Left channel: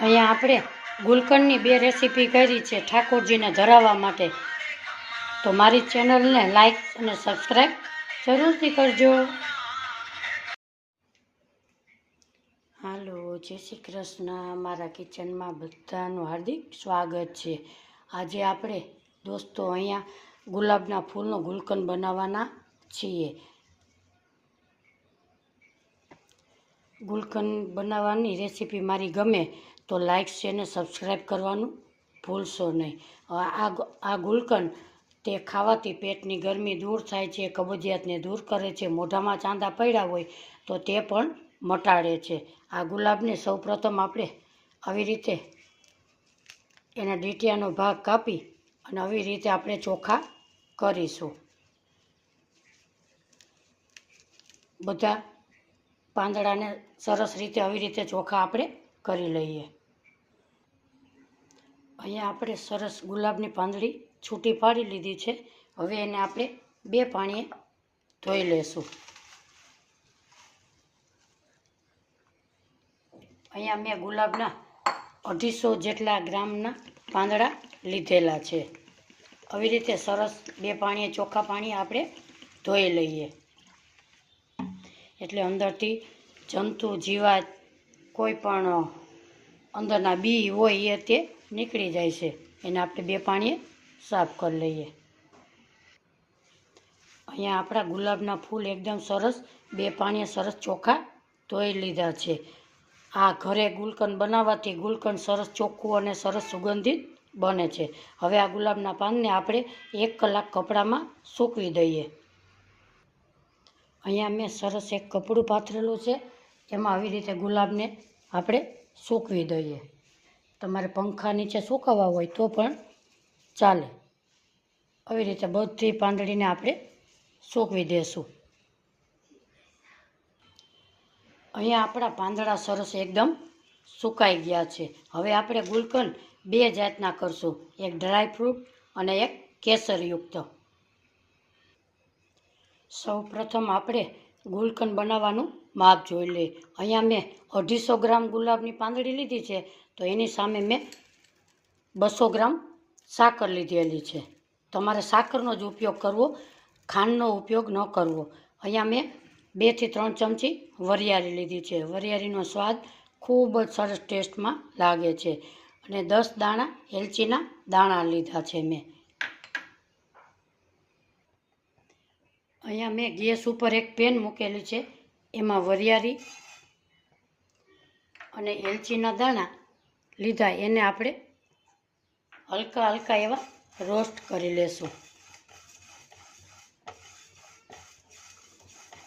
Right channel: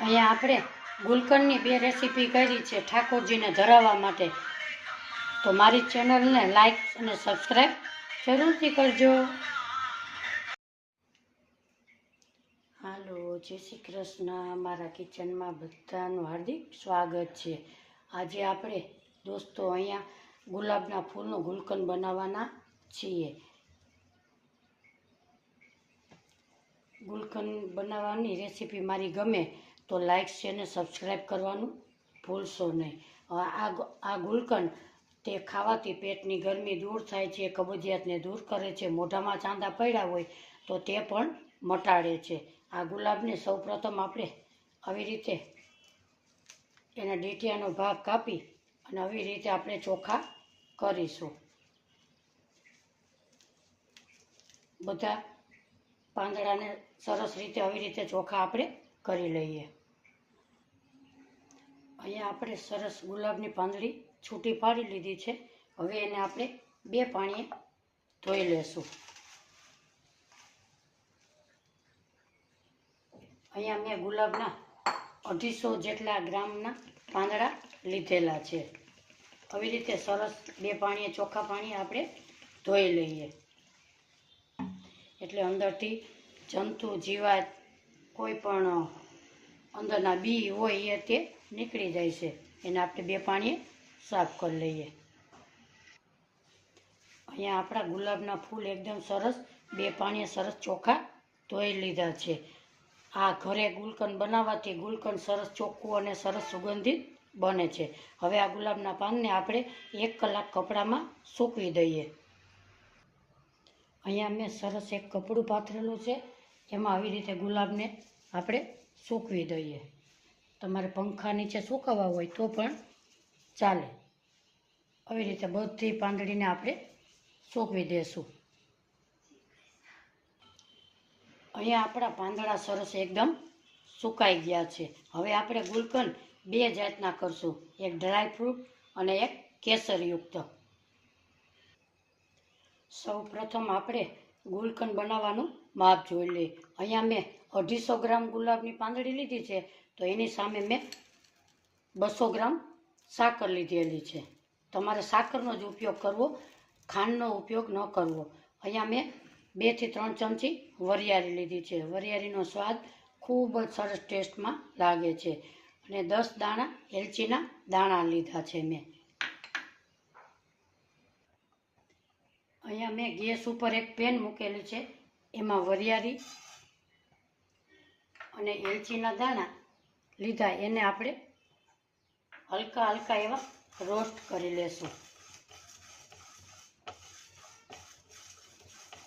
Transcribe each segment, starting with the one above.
અહીંયા આપણે ગુલકંદની બે રેસીપી કરી છે ઠાકોરજીને ધરાવવા માટે. તો મારી ચેનલને લાઈક અને સબસ્ક્રાઈબ જરૂરથી કરજો. હાલો, જય શ્રી કૃષ્ણ. મારા કિચનમાં બધાનું હાર્દિક સ્વાગત છે. આજે આપણે દોસ્તો અહીંયા ગુલાબના ફૂલનો ગુલકંદ બનાવવાના છીએ. ગુલકંદ બનાવવાની રેસીપી મારી ગમે તો લાઈક છે ને સબસ્ક્રાઈબ કરવાનું ભૂલશો નહીં. આ આ ગુલકંદ તે ખાવાથી પેટની ગરમી દૂર થાય છે, કબજિયાતને દૂર કરે છે, મોઢામાં ચાંદા પડ્યા હોય તો તે પણ મટાડે છે. આ ગુલાબને સૌપ્રથમ આપણે આવી રીતે એના ડીટિયાનો ભાગ કાપી અને આવી રીતે આપણે ચોખા કરીશું. બધા પાંદડાને સરસ રીતે આવી રીતે ચોખા આપણે કરી લઈએ. અહીંયા આપણે સરસ ગુલાબની પાંદડી છૂટી પાડી લીધી છે. હવે એને આપણે બે પાણીએ ધોઈ લેશું. અહીંયા મેં ગુલાબના અઢીસો જેટલા ગ્રામના પાંદડા લીધેલા છે. આવી રીતે સરસ બે પાણીએ ચોખ્ખા પાણી આપણે ધોઈ લઈએ. એટલે અંદરથી જંતુ, જીવાત કોઈ પણ અંદરના બી હોય એ તે નીકળી જાય છે. એને આપણે બે પાણીએ સાફ કરી લઈએ. અહીંયા આપણા ગુલાબના ફૂલ એકદમ સરસ, બે પાણીએ સરસ ચોખ્ખા ધોઈ લીધા છે. આ ઘરે ગુલકંદ બનાવવાથી ગુલકંદ સરસ ચોખ્ખું અને સરસ સુગંધિત બને છે. હવે આ ગુલાબના પાનને આપણે એક કલાક કપડામાં સૂકવી દઈએ. અહીંયા મેં સરસ એક કપડું પાથરેલું છે. એમાં આવી રીતે ગુલાબને આપણે સૂકવી દઈએ. તમારે પંખા નીચે સૂકવવા હોય તો પણ ચાલે. આવી રીતે બધી પાંદડીને આપણે સૂકવી દેશું. અહીંયા આપણા પાંદડા સરસ એકદમ સુકાઈ ગયા છે. હવે આપણે ગુલકંદ બે જાતના કરશું. એક ડ્રાય ફ્રૂટ અને એક કેસરયુક્ત. સૌ પ્રથમ આપણે ગુલકંદ બનાવવાનું માપ જોઈ લઈએ અહીંયા મેં અઢીસો ગ્રામ ગુલાબની પાંદડી લીધી છે, તો એની સામે મેં બસો ગ્રામ સાકર લીધેલી છે. તમારે સાકરનો જ ઉપયોગ કરવો, ખાંડનો ઉપયોગ ન કરવો. અહીંયા મેં બેથી ત્રણ ચમચી વરિયાળી લીધી છે. વરિયાળીનો સ્વાદ ખૂબ જ સરસ ટેસ્ટમાં લાગે છે. અને દસ દાણા એલચીના દાણા લીધા છે મેં. અહીંયા મેં ગેસ ઉપર એક પેન મૂકેલી છે, એમાં વરિયાળી અને એલચીના દાણા લીધા, એને આપણે હલકા હલકા એવા રોસ્ટ કરી લેશું.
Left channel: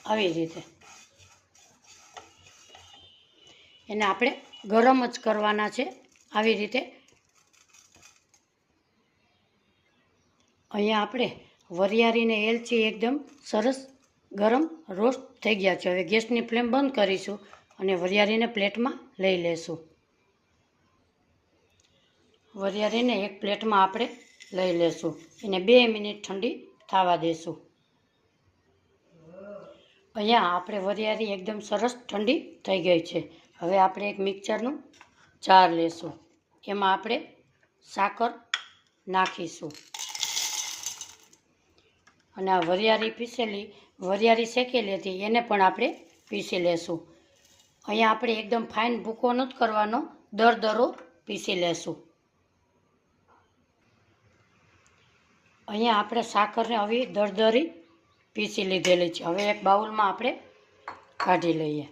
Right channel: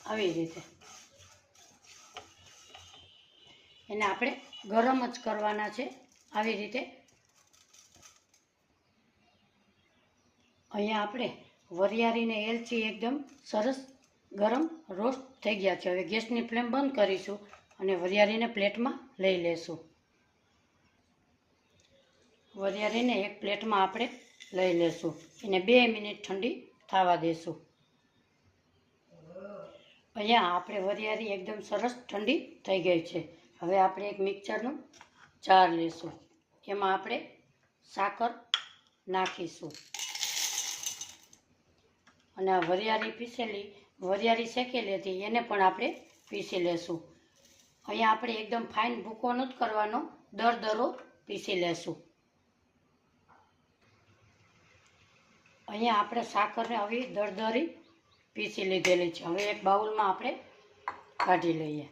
આવી રીતે. એને આપણે ગરમ જ કરવાના છે, આવી રીતે. અહીંયા આપણે વરિયાળીને એલચી એકદમ સરસ ગરમ રોસ્ટ થઈ ગયા છે. હવે ગેસની ફ્લેમ બંધ કરીશું અને વરિયાળીને પ્લેટમાં લઈ લેશું. વરિયાળીને એક પ્લેટમાં આપણે લઈ લેશું. એને બે મિનિટ ઠંડી થવા દેશું. અહીંયા આપણે વરિયાળી એકદમ સરસ ઠંડી થઈ ગઈ છે. હવે આપણે એક મિક્સરનું જાર લેશું. એમાં આપણે સાકર નાખીશું. અને આ વરિયાળી પીસેલી, વરિયાળી શેકેલી હતી, એને પણ આપણે પીસી લેશું. અહીંયા આપણે એકદમ ફાઇન ભૂકો નથી કરવાનો, દર દરો પીસી લેશું. અહીંયા આપણે સાકરને આવી દરદરી પીસી લીધેલી છે. હવે એક બાઉલમાં આપણે કાઢી લઈએ.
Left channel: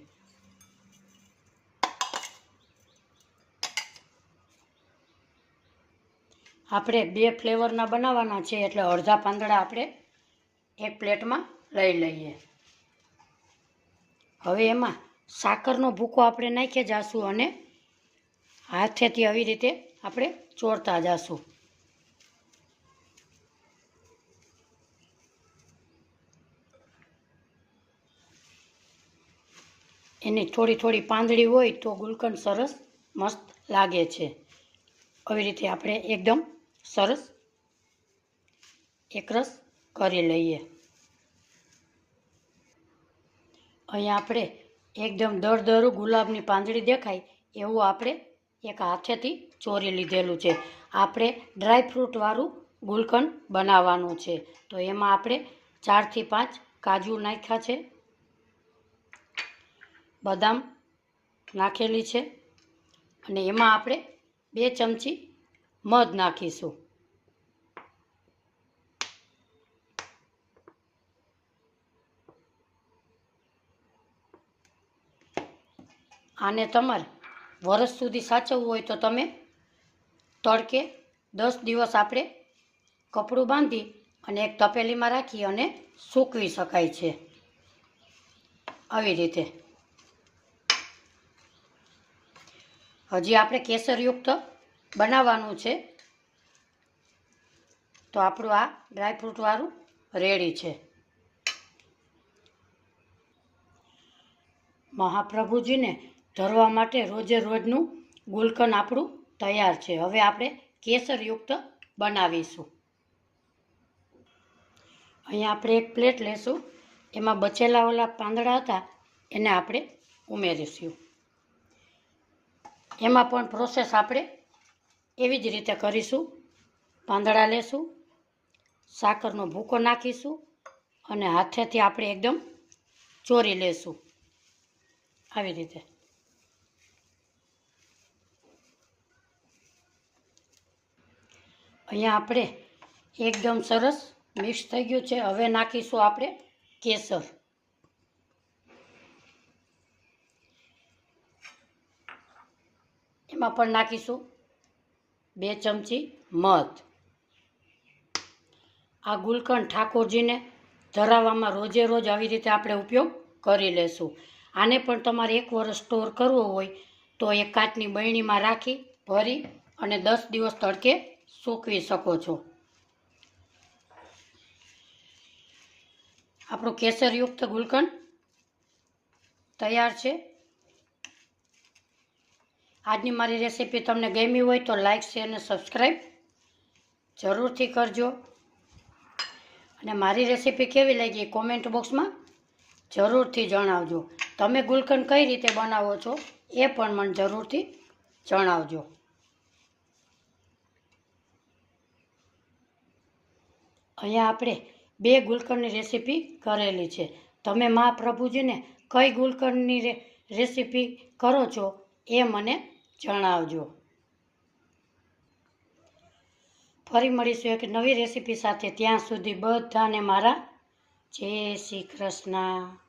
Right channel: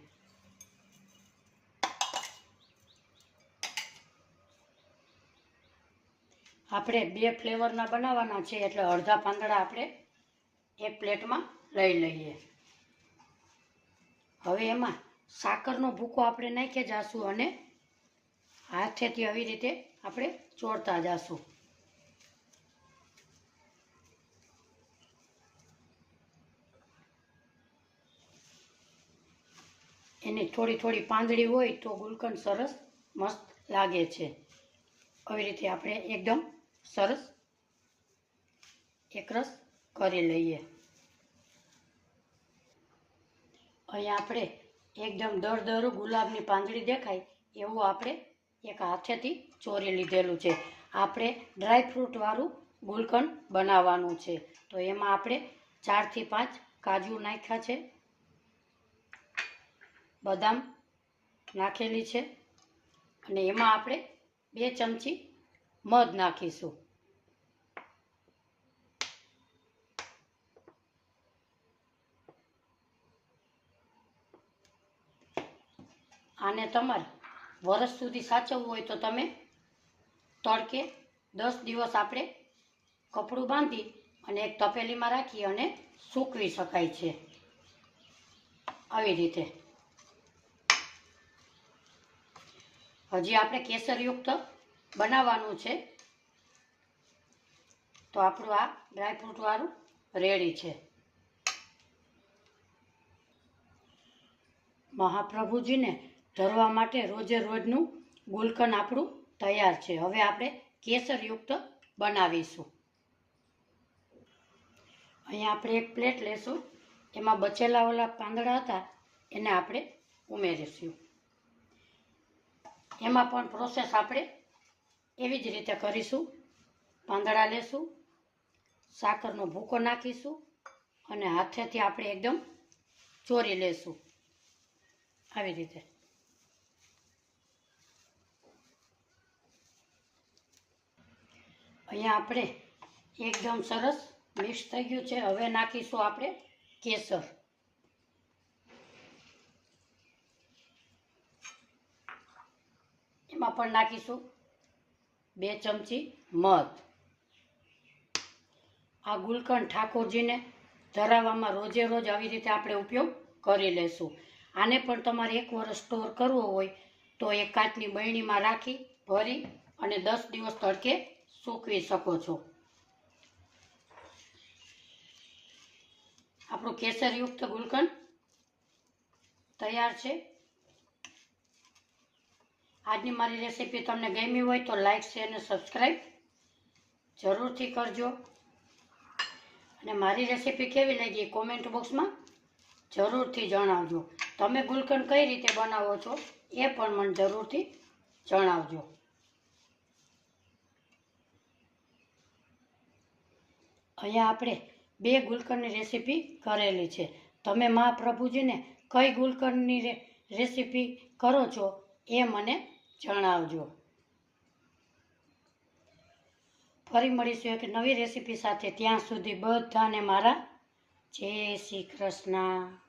આપણે બે ફ્લેવરના બનાવવાના છે, એટલે અડધા પાંદડા આપણે એક પ્લેટમાં લઈ લઈએ. હવે એમાં સાકરનો ભૂકો આપણે નાખી જાશું અને હાથેથી આવી રીતે આપણે ચોરતા જાશું. એની થોડી થોડી પાંદડી હોય તો ગુલકંદ સરસ મસ્ત લાગે છે. આવી રીતે આપણે એકદમ સરસ એકરસ કરી લઈએ. અહીંયા આપણે એકદમ દરદરું ગુલાબની પાંદડી દેખાય એવું આપણે એક હાથેથી ચોરી લીધેલું છે. આપણે ડ્રાય ફ્રૂટવાળું ગુલકંદ બનાવવાનું છે. તો એમાં આપણે ચારથી પાંચ કાજુ નાખ્યા છે. બદામ નાખેલી છે. અને એમાં આપણે બે ચમચી મધ નાખીશું. આને તમારે વરસ સુધી સાચવવું હોય તો તમે તડકે દસ દિવસ આપણે કપડું બાંધી અને એક તપેલીમાં રાખી અને સૂકવી શકાય છે. આવી રીતે. હજી આપણે કેસરયુક્ત બનાવવાનું છે. તો આપણું આ ડ્રાયફ્રૂટવાળું રેડી છે. મહાપ્રભુજીને ધરવા માટે રોજે રોજનું ગુલકન આપણું તૈયાર છે. હવે આપણે કેસરયુક્ત બનાવીશું. અહીંયા આપણે એક પ્લેટ લેશું. એમાં બચેલા ઓલા પાંદડા હતા, એને આપણે ઉમેરીશું. એમાં પણ પ્રોસેસ આપણે એવી જ રીતે કરીશું. પાંદડા લેશું, સાકરનો ભૂકો નાખીશું અને હાથેથી આપણે એકદમ ચોરી લેશું. આવી રીતે. અહીંયા આપણે એકદમ સરસ મિક્સ થઈ ગયું છે. હવે નાખીશું આપણે કેસર. એમાં પણ નાખીશું બે ચમચી મધ. આ ગુલકંદ ઠાકોરજીને ધરાવવામાં રોજે રોજ આવી રીતે આપણે ઉપયોગ કરી લેશું. આને પણ તમારે એક વર્ષ સ્ટોર કરવો હોય તો એક કાચની બરણીમાં રાખી, ભરી અને દસ દિવસ તડકે સૂકવી શકો છો. આપણું કેસરયુક્ત ગુલકંદ તૈયાર છે. આજની મારી રેસીપી તમને ગમી હોય તો લાઈક, શેર અને સબસ્ક્રાઈબ જરૂરથી કરજો. અને મારી રેસીપી કેવી લાગી કોમેન્ટ બોક્સમાં જરૂરથી જણાવજો. તમે ગુલકંદ કઈ રીતે બનાવો છો એ પણ મને જરૂરથી જણાવજો. અહીંયા આપણે બે ગુલકંદની રેસીપી કરેલી છે. તમે મહાપ્રભુજીને કઈ ગુલકંદની રે, રેસીપી કરો છો એ મને જણાવજો. ફરી મળીશું એક નવી રેસીપી સાથે. ત્યાં સુધી બધાને મારા જય શ્રી કૃષ્ણ.